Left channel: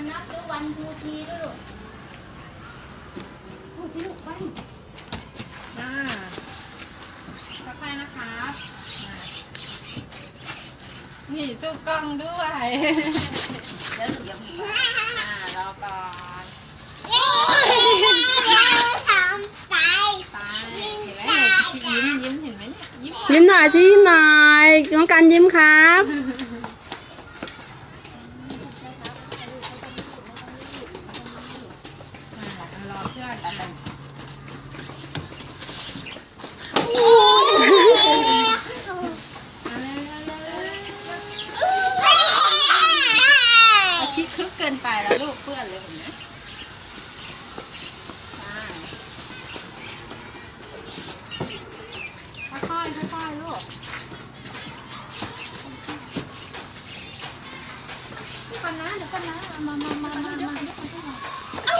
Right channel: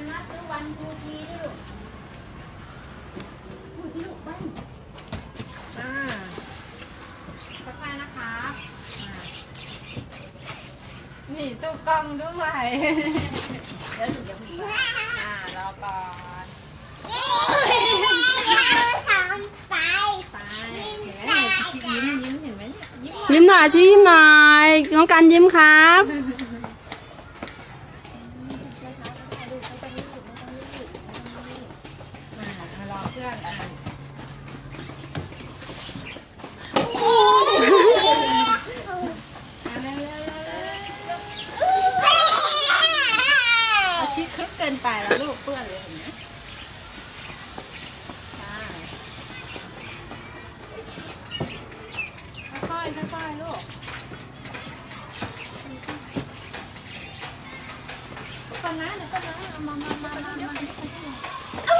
วกันนับด้วยวันทูทีด้วยลูกพูดที่ลูกบ้านอ่าค่อยๆนะครับอ่านี่ตู้กล้องด้วยแล้วหนูจะพูดอ่ารอก่อนไปเห็นไหมหนูยิ้มยิ้มเห็นไหมเนี่ยยิ้มยิ้มหน่อยชี้ยิ้มหน่อยน้องกันยิ้มครับ อ่ารอเพื่อนอะอะเร็วๆๆๆอา ชิคึกเกินไปแล้วลูกเพื่อนเลยเห็นไหมอ่าค่อยๆค่อยๆลูกเดี๋ยวก่อนนะเดี๋ยวก่อนนะเอามามามามามา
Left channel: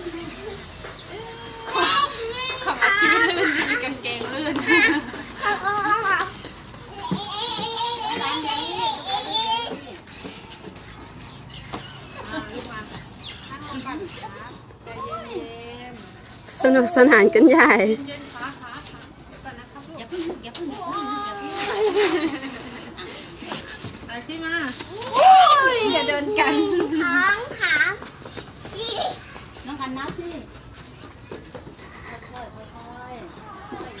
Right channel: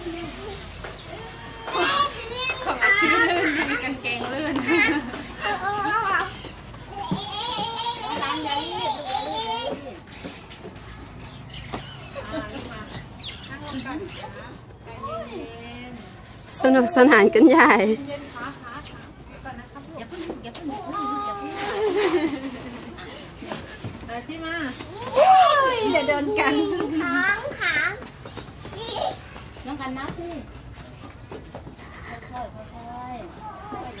สนุกสนานกันใหญ่ อย่าเไปสิมาอย่าเดินกันขาขาน้องกันนับสิค่อยๆ